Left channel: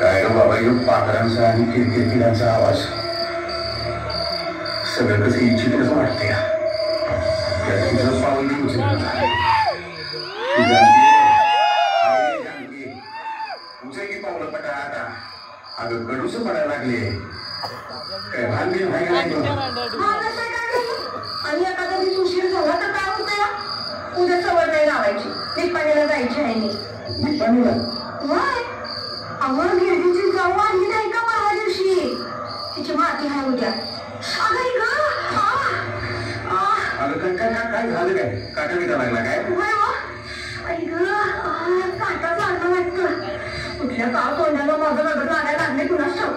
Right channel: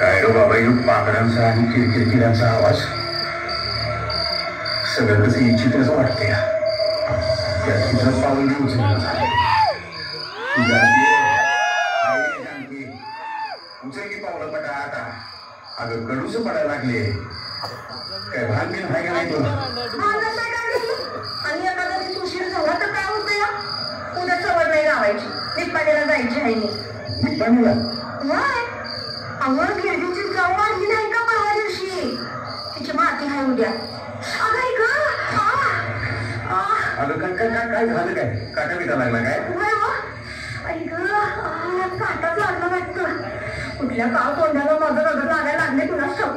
काय ग बाबा, येऊ पाखरांचा आणि किरकिरकिरांचा आवाज सगळं कसं इच्छितच वाटते. त्यात तुझं पाऊल उचललं उचलली पावलं पटा आता. अगं गडूस पडायला लागले. काय भांडे भाई नाही आणि आता कधी तुळशीला जवळ तर काय होतं या उद्या सवय नाही लावायची. निपाणीला जायची आहे निपाणीला. अगं गिरडीची जाऊ आली नाही का परवा दिवशी. तिची माती आहे उद्या. अगं काय काय काय काय झालं काय? काटा बिटा लागला काय? काटाच आता वाटतं. कुठल्या काळ तोंडाला माझं रडत लागायला लागले तुला शव.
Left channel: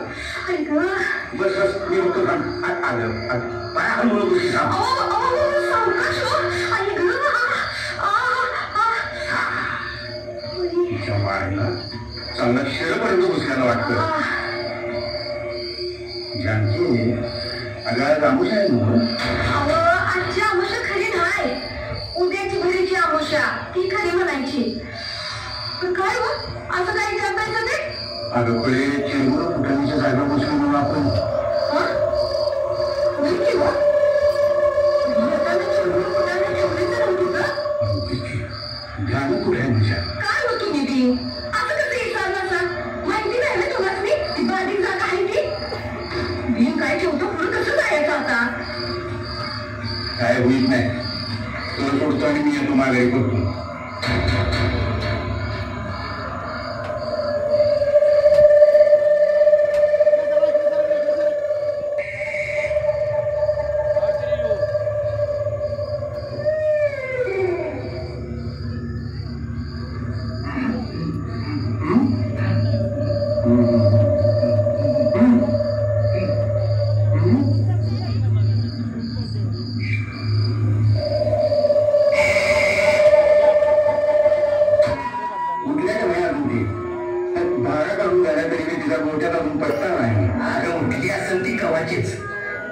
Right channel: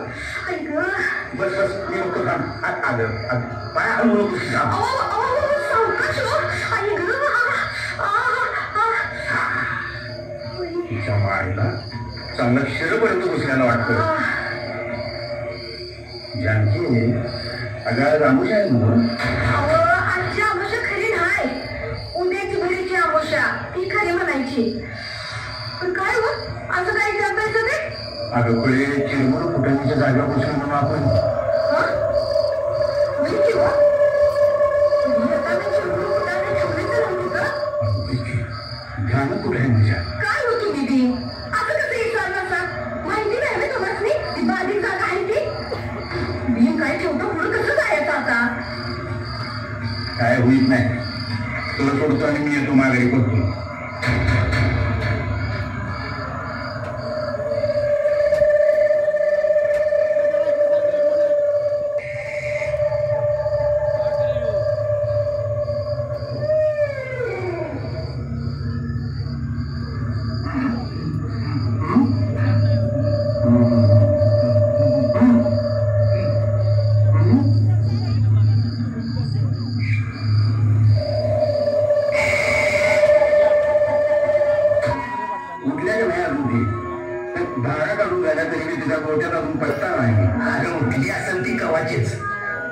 बस बस मी होतो ना. काय हळूहळू गोष्टी तिच्या मायला चांगलं शिरपर्यंत घुसल्यानं वाटतं. जानकी अगं रामूश आहे ना. आजची आमुषा खरी नाही. उद्याची भरीची आमुषा ती खरी म्हणायची. पण काय हो असं काय करतायचं ते? अगं पुढे चिरमुर कुटांच्या जागा बसून आपण ध्यान कुठे म्हणजे काय होतो निधी आता कसं विचारणार माहिती नाही ना तुम्हाला बारीक जागा आहे की मी काय ठेवतो पुढे कसं जायचं आता. काय होईत नाही. तुला सोडतो आणि मी येतो मागे करतो.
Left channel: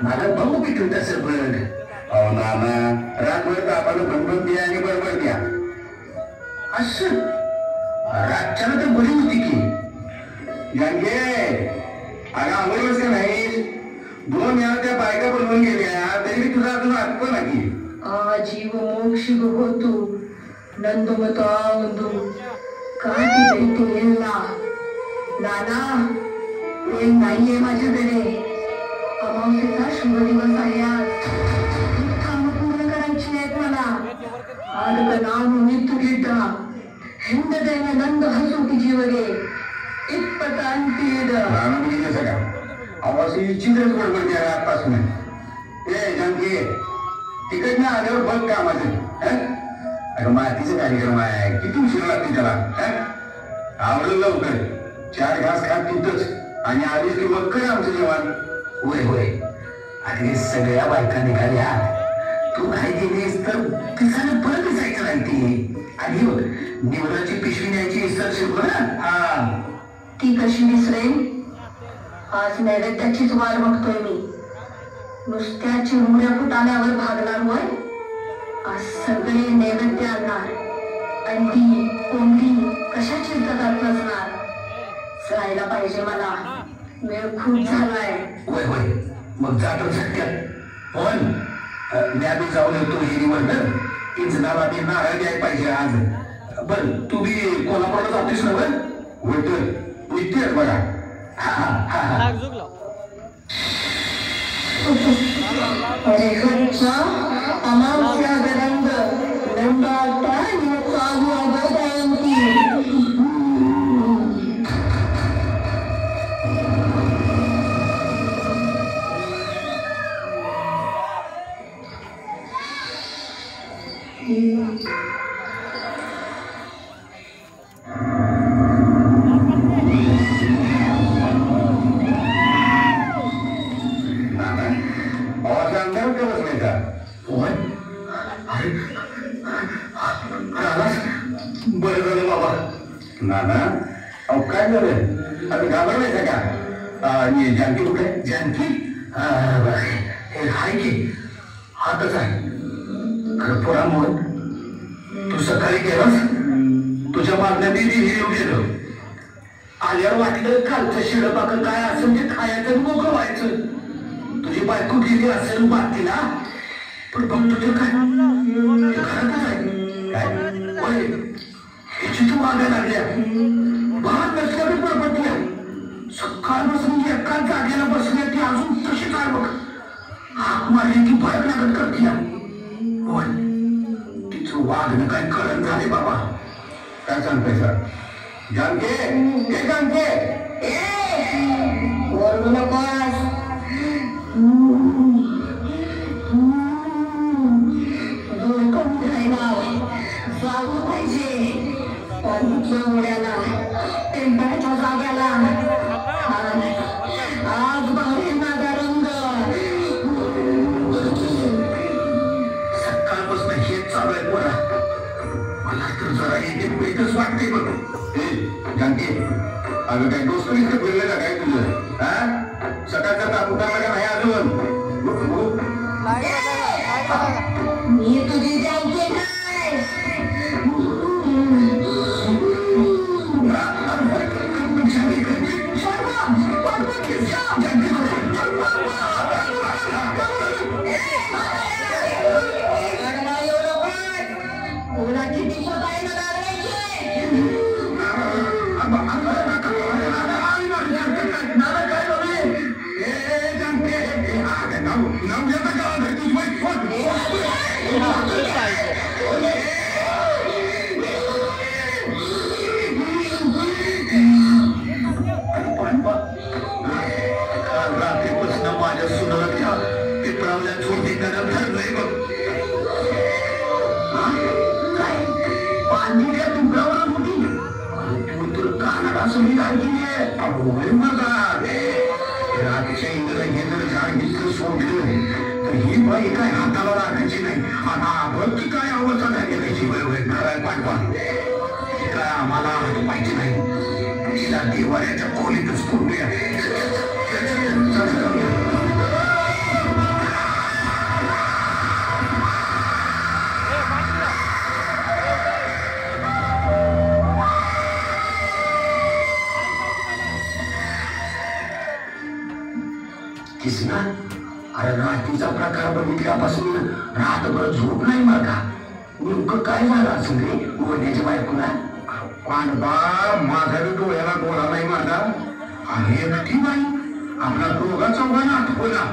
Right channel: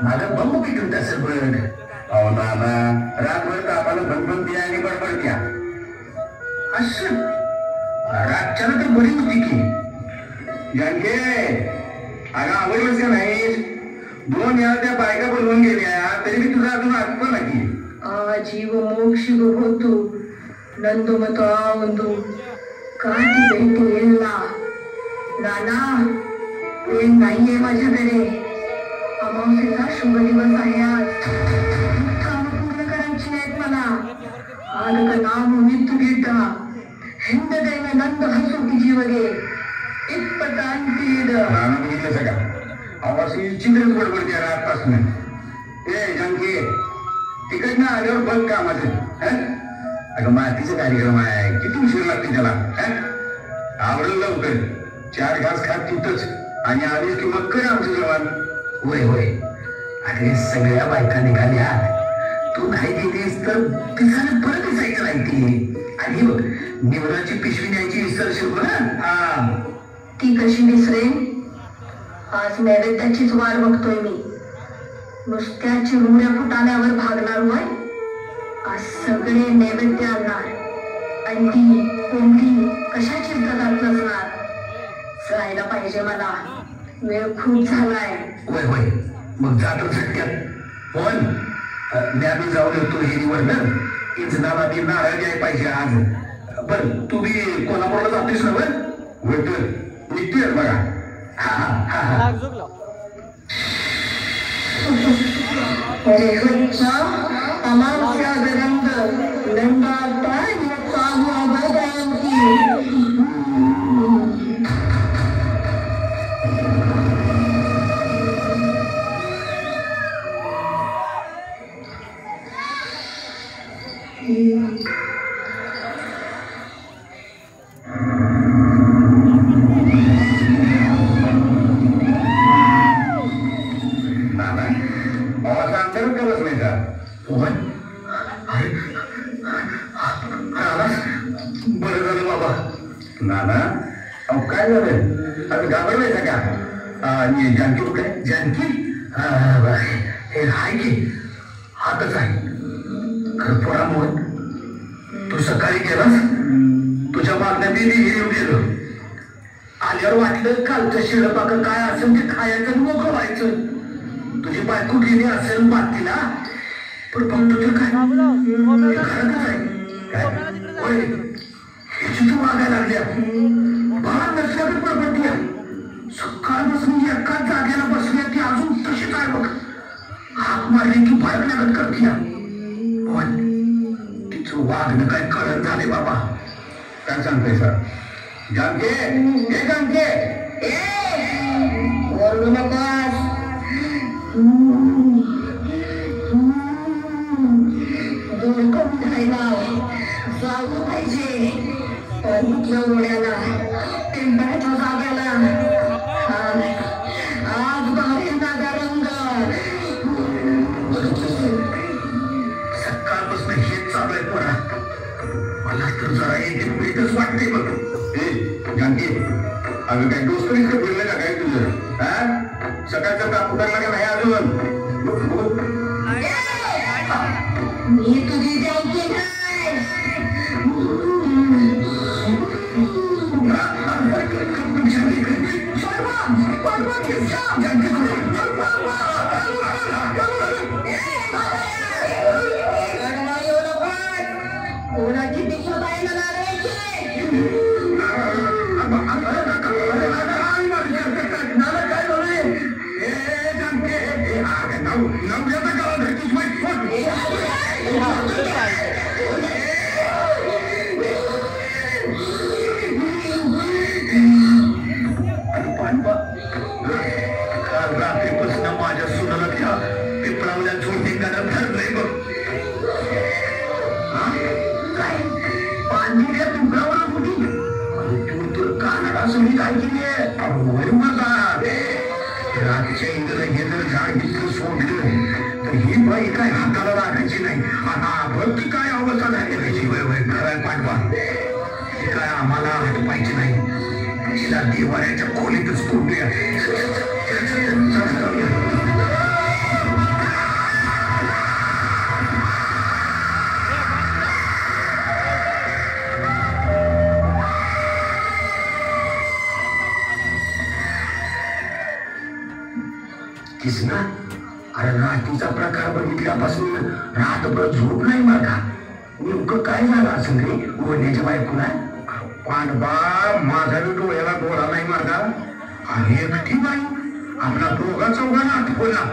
मला भाऊ पिकत असेल बरं. अहो मामा रातभर आपण भनभन द्या आणि बरोबर द्या असं. रातच्याला तर बरी होती की. गंगे अगं आवडलंच का नाही. 2 वेळा त्या बायका बनवून गेल्या तरी तुला अजून आठवण नाही. जीव मोक्ष होतो नंदमता ಒಂದು काही भेटे नाना प्रेम नाहीये माझ्याकडे. अमावस्येचा शुभ दिवस आहे आज. काम पूर्ण करायची आहेत मला. आज नाम मृत्यू घेता हिंद दैव नंद हसू की जीवगे इतपटांतीड सगळा आवाज चिंतन बरोबर द्या आजपासून. ए जानकी तिकडनं आल्यावर बघ कामाचं. अगं मातीचा कार्यक्रम आहे. किती उशीर लागते त्याला. आवडलं लवकर 4 घास खात तिथंच आणि आधीच की मग कर आमचं जेवण. होय होय. अरे सगळ्या बायका निघाल्या. तू नाही गेलीस तर दिसायला परत दिसायचं नाही ती. आणि निवडाची पिशवी न्यायची विसरशील ना. ती कशी विसरेन. आज नैवेद्याचीच वाट बघतोय मी. नुसत्या चिमुऱ्या फुटाण्यावर भागणार होय. आज सगळे नैवेद्य आणणार आणि ती कोणती कशाची तदारत असणार. जायला पाहिजे मला. वेळ खूप झालाय. होय होय मग जातो सत्य. पण मी आम्ही जाऊन येतो हिरीवरनं. इंजनाला ती नारळ द्यायला पाहिजे आज. पण तू बी कोल्हापूरला जातेस ना. बरं होय निघते बघा. अमावस्या गरंग गंगावता चालू बरं झालं बाबा. नाना अहो काय झालं. घाबरलाय का? जानकी कुठे? जानकी हे हाय की हातच आहे. खरं पोरामुळे तू सकाळी केलास. तुझ्या मागण्या मी येऊन गेलो. आल्यावर वाटलं कालचं शिळपाक काय असेल ते खायचं मोकळं व्हायचं. तुझी बायको गेली असेल बातीला पण बघतो तर काय ह्याची तू वागायला लागल्या भात नसल्यावर प्रपटल्या सकाळपासून एकाच जागेला बसल्या ती अजून तशी काय बघ हाक मारली की भडक लागत करते पण तिचं वागणं काय कळत झाले बाबा. काय सांगते सर जानके हे जानके बोलू नकोस दूर करून राहिला जाऊ पाहिजे पण उड्याला टेंबऱ्याच्या जाग्याला आज बाहेर नागा रंग सकाळपासून हेच चालू आहे मला मला तर जरा येते पुढेच वाटते बघ. जानकी अगं काय दोस्त इतकं फिरलं का काय तुझं सकाळचा तापुटाला का नाही अजून मी तुझी जानकी कोणाची दिशा पाहिजे रात्रीपासून माझ्या सुनाला पित्रावल्या झोटी गरम धरलंय बघ. पांढऱ्या तुकडावर मोठी तू कानाडा सगळी काय केली आहे माझा रात्रीच्या इंद्र घेणार झाड सोडलं तर ही बाई काय हाताला लागायची नाही आणि भक्ती काय अवस्था झाली पाहिजे खरं पाठवा काय आम्हाला हात पाहिजे नाही तिला देवाऱ्याच्या खोलीतच सोडल्या. किसना अरे रात्रीचा प्रकार बघितल्यापासून रातभर झोप नाही माझा. नेमकं काय झालं असं रे वहिनीच्या बायकोला पांडवा माझा डोळ्याला डोळा नाही माझा आणि एकटी बाई आपला दोघा चौघांना आठवला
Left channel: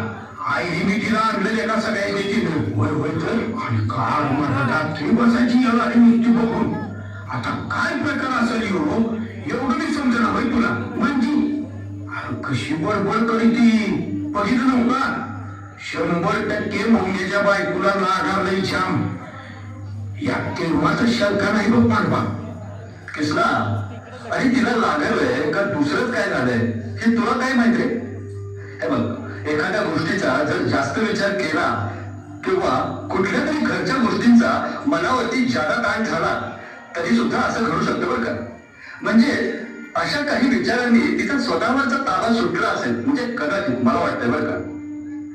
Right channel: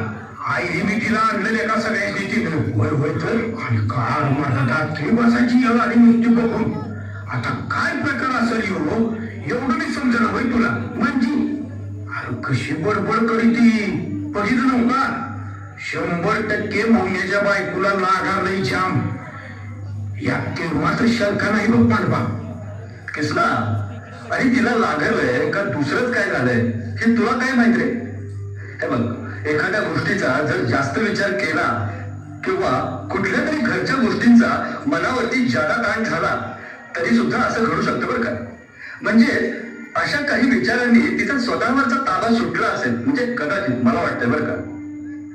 आई मी तिला आणलेले का सगळ्यांनी तिथं वय वय तर आणि काळ माझा रात्री बसायची आणि नुसती बघून आता काय प्रकार असेल हो एवढं मी समजलं होय तुला म्हणजे अरे कशी बडबड करी ती बघितलं नव्हता 100% मौन्याच्या बायकोला लागा नाही श्याम या केव्हाच शंका नाही बघ पांडवा. किसला अरे तिला लागलंय का दुसरंच काय झालंय हे तुला काय माहिती रे. हे बघ एखाद्या गोष्टीचा जर जास्त विचार केला किंवा कुठल्या तरी घरच्या गोष्टींचा मनावरती जादा ताण झाला तरी सुद्धा असं घडू शकतं बरं का. म्हणजे अशा काही विचारांनी तिचा स्वतःवरचा ताबा सुटला असेल म्हणजे कदाचित मला वाटतं बरं का.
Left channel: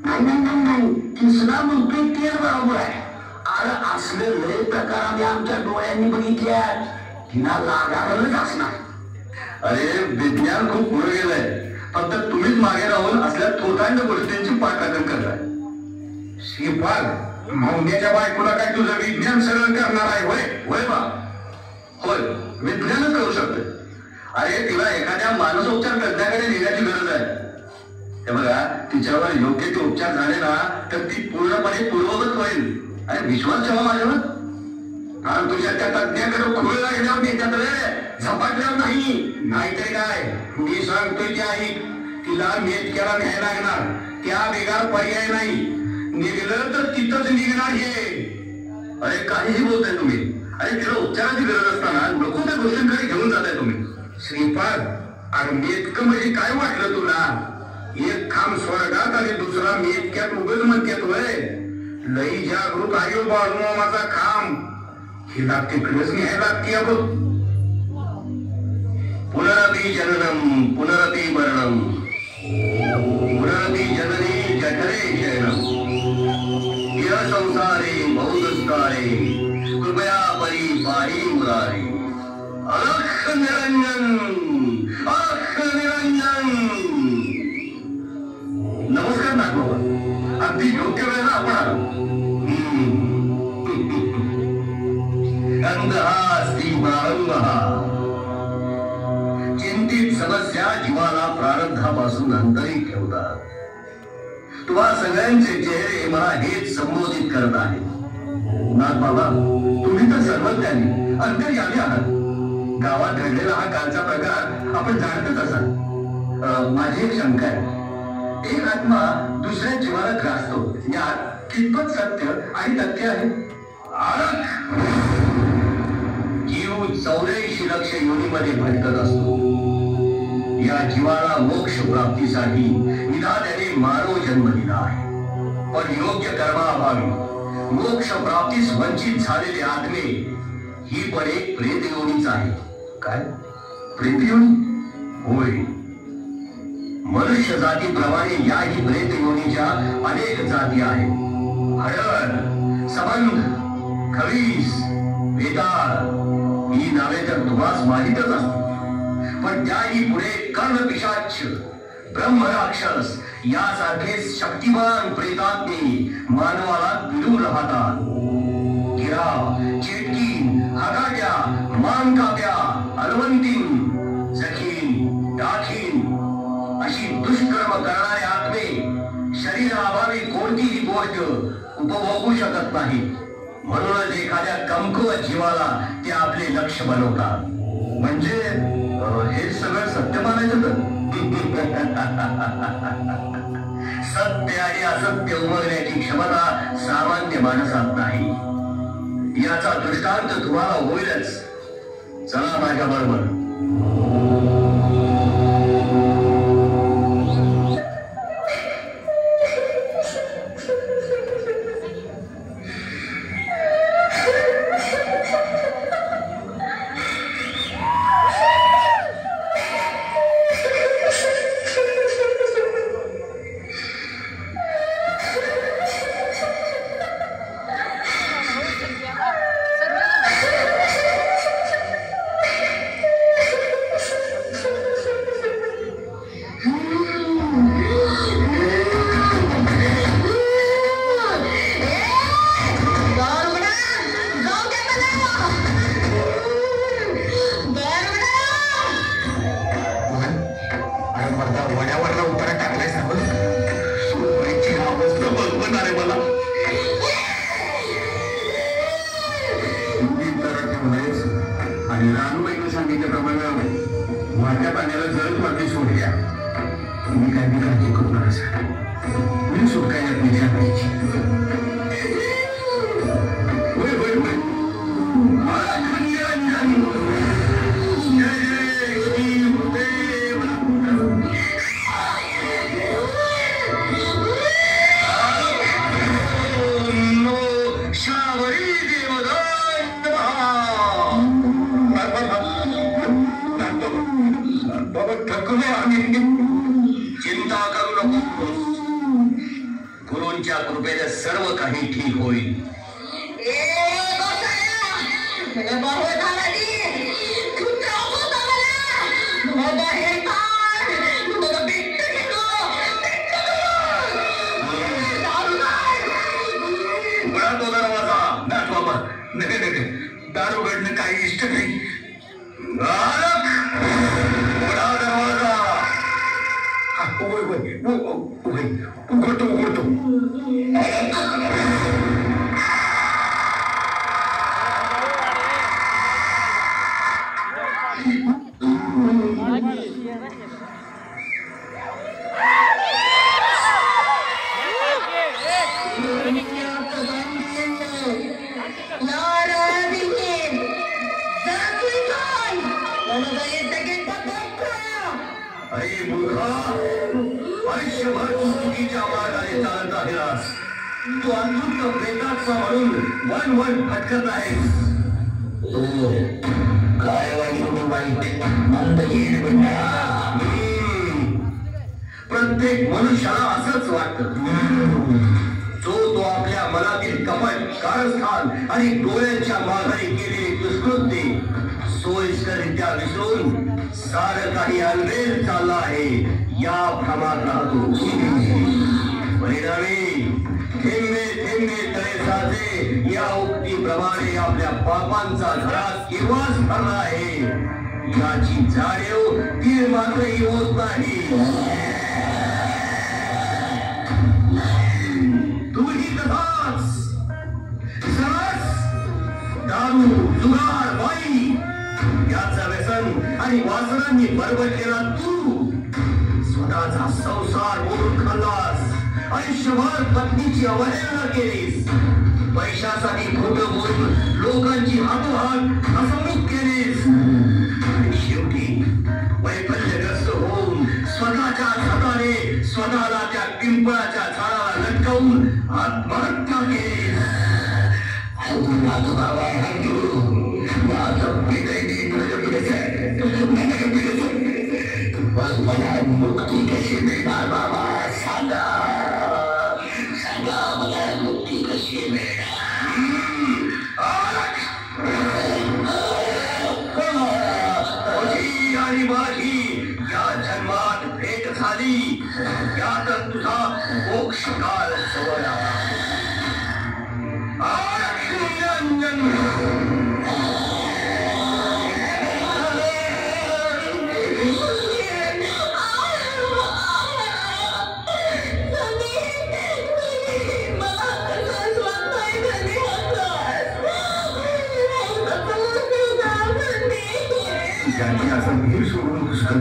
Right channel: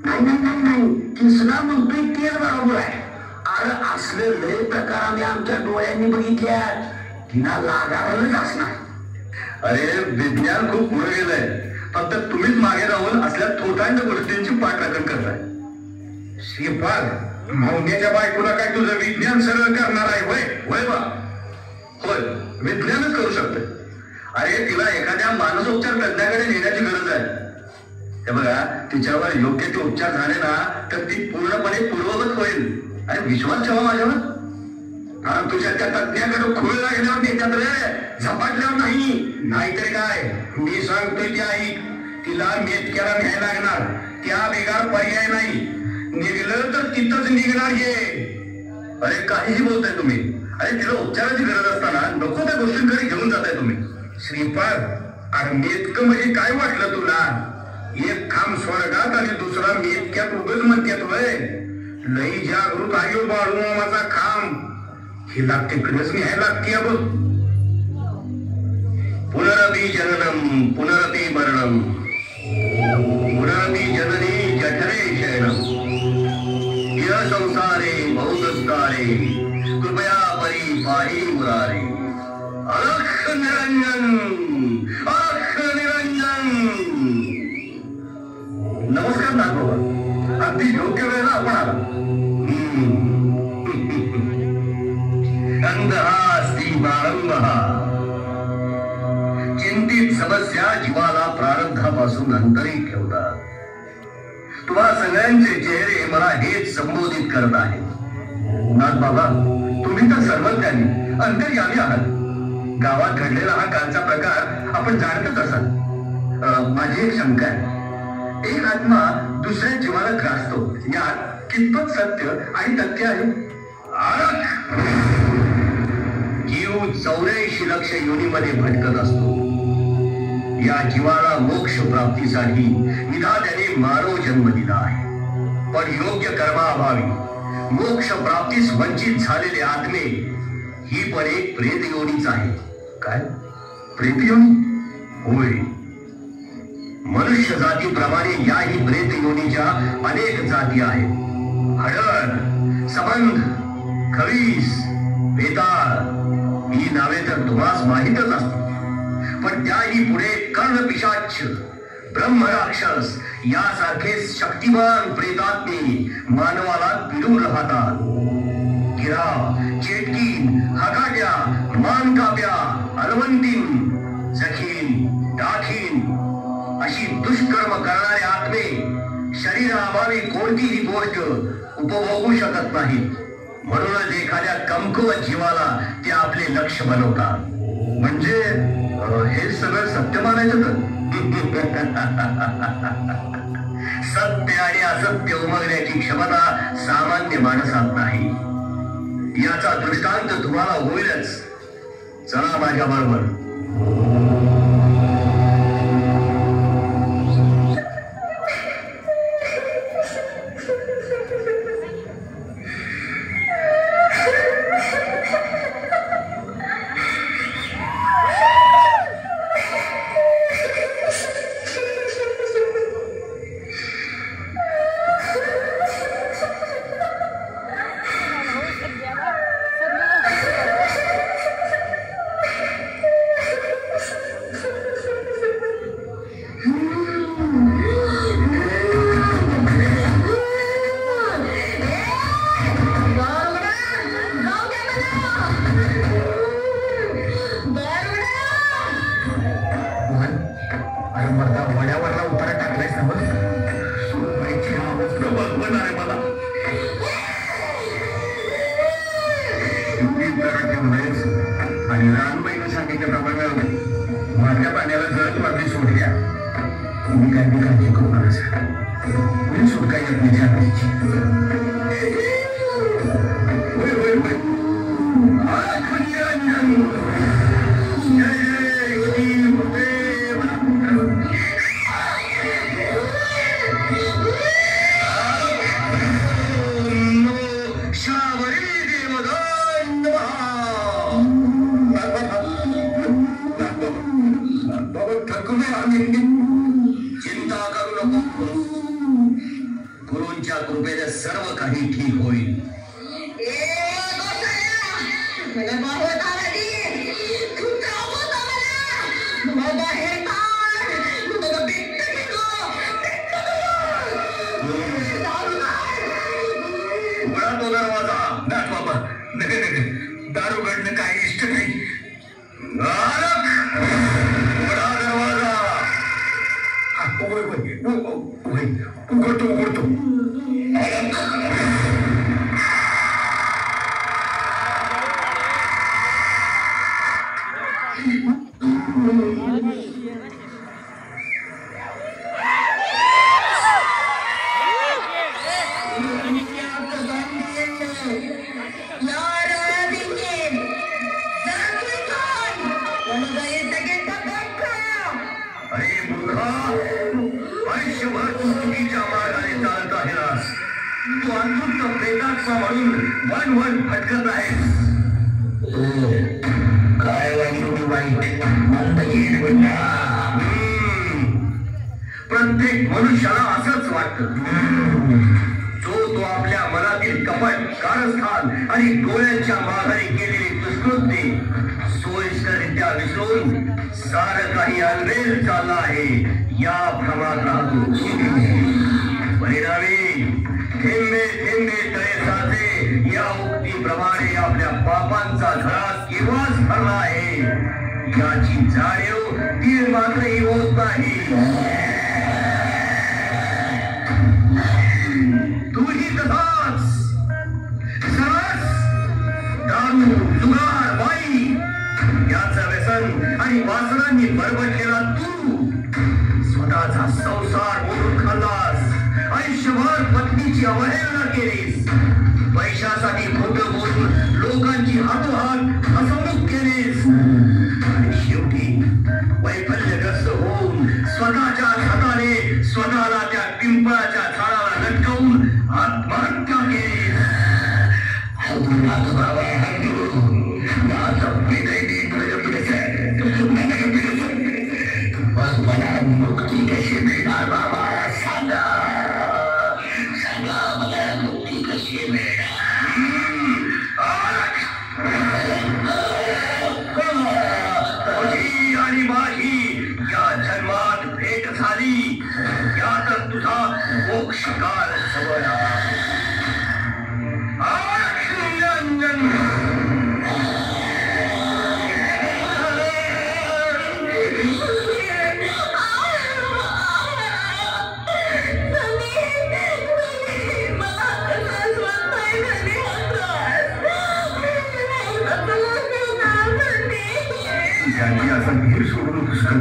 नाही तिसरा म्हणतोय ते बरोबर आहे. अरे असले लय प्रकार आम्ही आमच्या डोळ्यांनी बघितल्या तिला लागावलंच असणार. अरे विज्ञान खूप पुढे गेलंय फक्त तुम्हीच मागे राहून असल्या तोटांच्या गोष्टींची पाठराखण करताय. श्रीपाद मौन्याच्या बायकोला काय तुझं विज्ञान सगळं करणार आहे वय वय बा होय विज्ञानच करू शकतोय. अरे तिला एखाद्या मानसोपचार तज्ञाकडे नेण्याची गरज आहे. हे बघा तिच्यावर योग्य ते उपचार झाले ना तर ती पूर्णपणे पूर्ववत होईल आणि विश्वास ठेवा माझ्यावर. कारण तुझ्या त्या तज्ञाकडे खोळला गेल्यावर त्याच्यात झपाटल्यावर नाही नाहीतरी काय मी सांगतोय की आई तिला मेतक्याला न्यायला लागणार त्या बेगार पर्याय नाही. निघलं तर तिथंच निघणार हे. अरे काहीही बोलताय तुम्ही. अरे तिला उपचाराची गरज असताना नको त्या गोष्टींकडे घेऊन जाताय तुम्ही. श्रीपाद अरे मेतकं म्हणजे काय वाटलं तुला. एक खांब स्वर्गात आणि दुसरा मेतक्यात उगच म्हणत्यात वय. लई जागृत आहे बाळू माझा खांब हिला तिकडेच न्यायला लागते. बघ पुनरपि जननम पुनरपि मरणम पुनरपि जननी जठरे शरणम यह संसारे बहुदस्तारे कृपया परी पारी मुरारी अलख निरंजन अलख आपल्या जीवाला प्रारब्धापासून अंतरित ठेवतात. तुम्हा सगळ्यांचे चेहरे मला हेच संबोधित करत आहे. नाथ बाबा, तुम्ही तर सर्वज्ञानी अंतर्यामी आहात. गावात घडलेला हा कालचा प्रकार आपण जाणतच असाल. माझी एक शंका आहे. एक आत्मा दुसऱ्या जीवाला ग्रासतो, यात कितपत सत्य आणि तथ्य आहे? जीव 84 लक्ष योनीमध्ये भटकत असतो. या जीवाला मोक्ष प्राप्तीसाठी विधात्याने मानव जन्म दिला आहे. पण योग्य कर्माअभावी मोक्ष प्राप्तीस वंचित झालेले आत्मे ही पण एक प्रेत योनीच आहे. काय प्रेत योनी? होय. मनुष्य जातीप्रमाणे याही प्रेत योनीच्या अनेक जाती आहेत. हडळ, सबंध, खवीस, वेताळ ही नावे तर तुम्हास माहीतच असतील. पण त्याही पुढे कर्णपिशाच, ब्रह्मराक्षस यासारखे शक्तिमान प्रेतात्मे मानवाला पिडून राहतात. गिरा, चेटकीन, हगाट्या, मानकाप्या, अलवंतीन, जखीन, डाखीन अशी दुष्कर्म करणारे आत्मे शरीराअभावी कोणतीही गोष्ट उपभोगू शकत नाही. म्हणूनच एखाद्या कमकुवत जीवाला ते आपले लक्ष बनवतात. म्हणजे हे सगळं सत्य मानायचं तर सत्य आणि असत्य उमगण्याची क्षमता सामान्य माणसात नाही. याचा दृष्टांत तुम्हाला होईलच. चला माझ्या बरोबर. आणि रानूबाईने सांगितल्याप्रमाणे माझ्या पाण्याला जळत मारते सोडल्या. तुम्ही काही काळजी करू नका. मी सुटका येत नाही सांगायची. चिंता करू नको. गुरूंच्या कृपेने सर्व काही ठीक होईल. दारू घडणं काही इष्ट नाही. उघडतो. आयुष्यभर तू चुकीच्या मार्गाने चालत आहेस. तू अनृत प्रेताचा म्हणून वन भटकत आहेस. काय प्रत्येक मनुष्याला असंच वाटतं. तो आपल्या मनातील कपट, कारस्थान आणि डोळ्यांच्या माघारी केलेली दुष्कृती सोयीस्करित्या विसरून सारं काही अनवेल चालला आहे या भ्रमात राहतो. परिणामी थेंबे थेंबे तळे साचे या उक्तीप्रमाणे आपल्या पापांचा घरात केव्हाच भरला आहे. याची जाणीव ती मात्रही होत नाही. तूही तसाच सरस दारू जुगार बाई याचं व्यसन आणि वासनांनी बरबडलेला तू स्वतःचा संसार मोडून खाल्लास. आयुष्यभर पत्नीची अवहेलना केलीस. पैशासाठी खोटं बोलून लोकांची हातोहात फसवणूक केलीस. शेवटी वैफल्यग्रस्त होऊन स्वतःच्या हाताने स्वतःला त्या पिंपळाच्या झाडाला लटकवून आत्महत्या केलीस. मला मुक्ती कशी मिळणार बाबा? सांगा सांगा मला मुक्ती कशी मिळणार? तुझी आणि माझी या जन्मात भेट झाली. यातच तुझा मोक्ष काळ जवळ आला. janji akan hidup sebelum kesukaan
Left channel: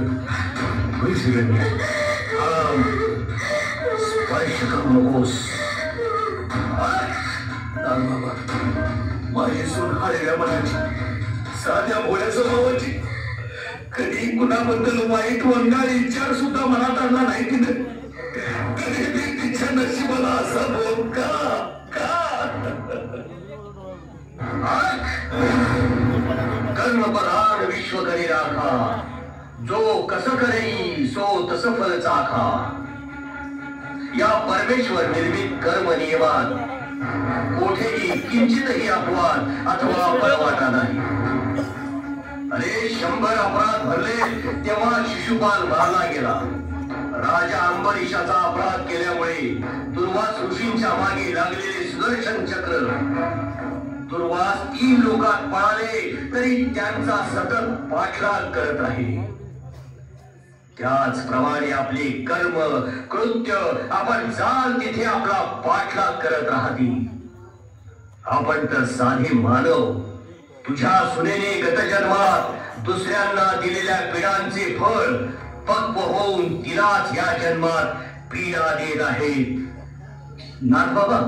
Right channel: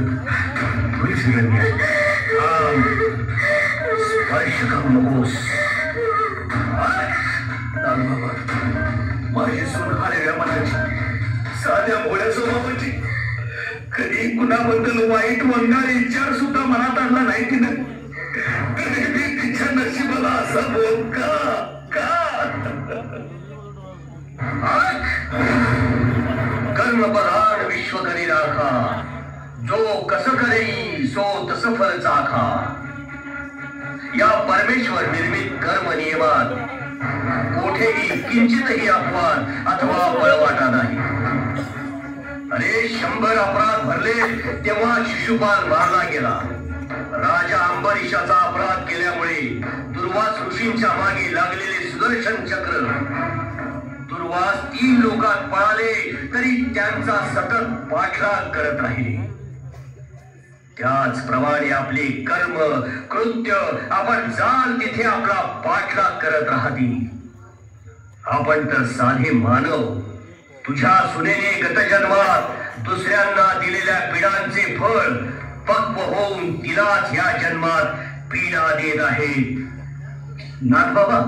berisirannya. Sparish kamu bos. Bapak, माझी सून हालेल्या मनाची साध्या भोळ्या स्वभावाची कधी कुणाबद्दल वाईट वंगार विचार सुद्धा मनात आणला नाही तिनं. तरी ती तिच्या नशिबाला असा भोग का? कर्म प्रधान विश्व करी राखा. जो कसं करेई सो तस फल चाखा. या परमेश्वर निर्मित कर्म नियमात कोठेही किंचितही अपवाद अथवा पळवाटा नाही. अरे 100 अपराध भरले तेव्हा शिशुपाल मारला गेला. राजा अंबरीशाचा अपराध केल्यामुळे दुर्वास ऋषींच्या मागे लागलेले सुदर्शन चक्र दुर्वास 3 लोकात पळाले तरी त्यांचा सतत पाठलाग करत राहिले. त्याचप्रमाणे आपले कर्म कृत्य आपण जाल तिथे आपला पाठलाग करत राहतील. आपण तर साधे मानव. तुझ्या सुनेने गत जन्मात दुसऱ्यांना दिलेल्या पीडांचे फळ पक्व होऊन तिलाच या जन्मात पीडा देत आहेत. नागबाबा,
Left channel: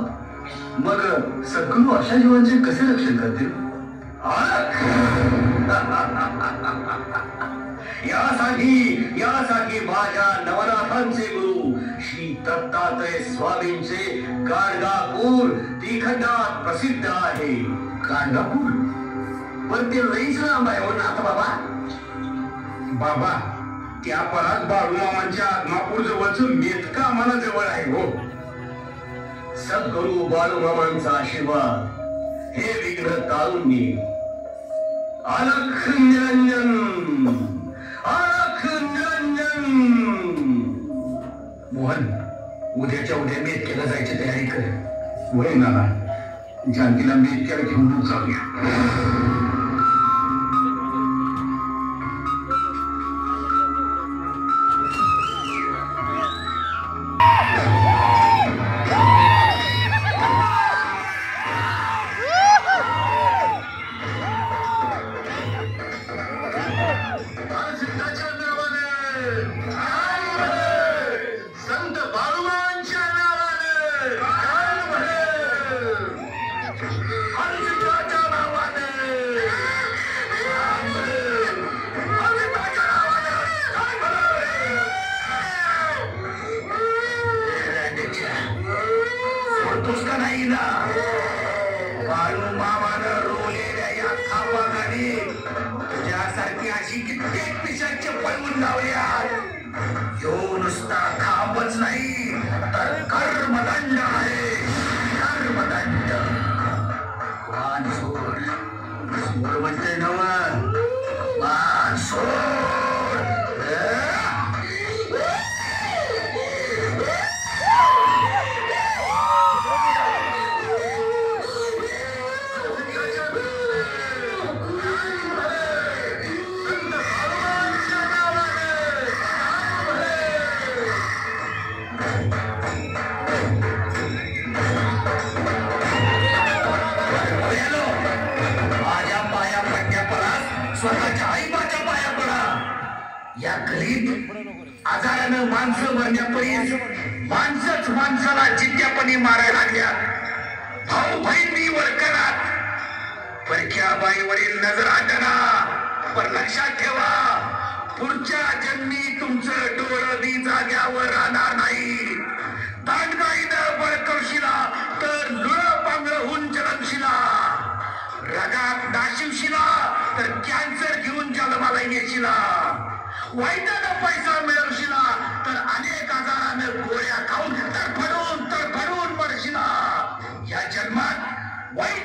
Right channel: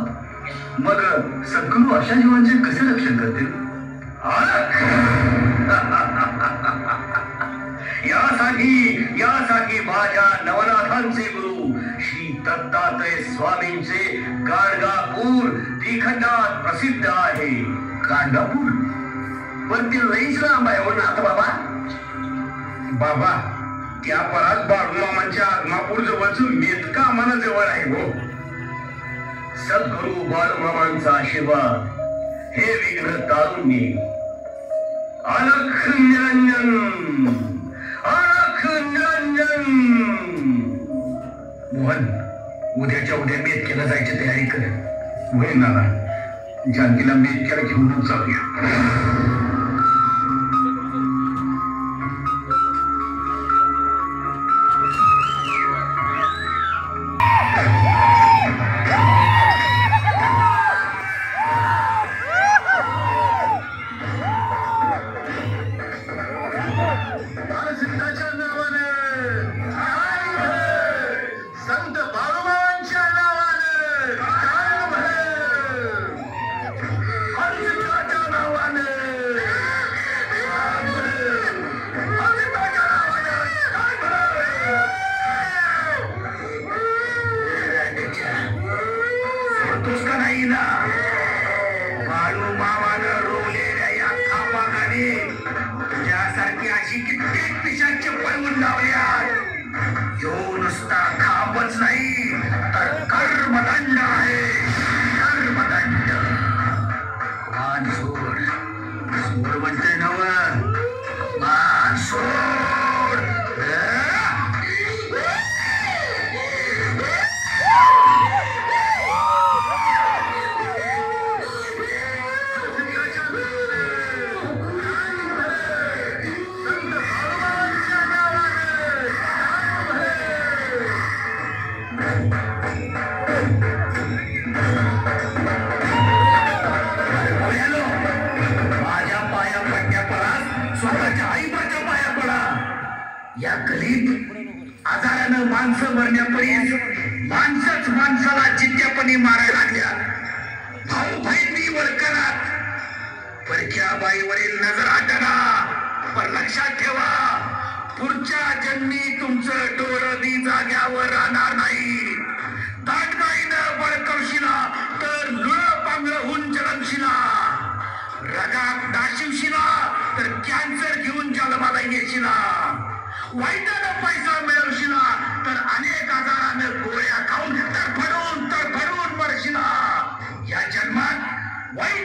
मग सद्गुरू अशा जीवांचे कसे रक्षण करतील? यासाठी माझ्या नवनाथांचे गुरु श्री दत्तात्रय स्वामींचे गाणगापूर त्रिखंडात प्रसिद्ध आहे. गाणगापूर? पण ते लईच लांब आहे हो नाथ बाबा. बाबा, त्या परात बाळूमामांच्या आत्मापूर जवळचं मेतका आम्हाला जवळ आहे हो. सद्गुरु बाळूमामांचा आशीर्वाद हे विघ्न तारून नेईल. अलख निरंजन, अलख निरंजन. मोहन, उद्याच्या उद्या मेतक्याला जायची तयारी कर. होय नाना, जानकीला मेतक्याला घेऊन जाऊया. या गरीब आजारानं माणसं मरण्यापरीस माणसंच माणसाला जित्यापणी मारायला लागल्या. भाऊ बहिणी वळकणात परक्या बाईवरील नजर आटना. पण लक्षात ठेवा, पुढच्या जन्मी तुमचं डोळं बी जाग्यावर राहणार नाही. दांडगाईनं बळकवशिला तर लुळं पांगळं होऊन जलमशिला. रगात नाशिवशिला तर कॅन्सर घेऊन जन्माला येशिला. वाईटानं पैसा मिळवशिला तर अनेक आजारानं गोळ्या खाऊन तडफडून मरशिला. या जन्मात वाईट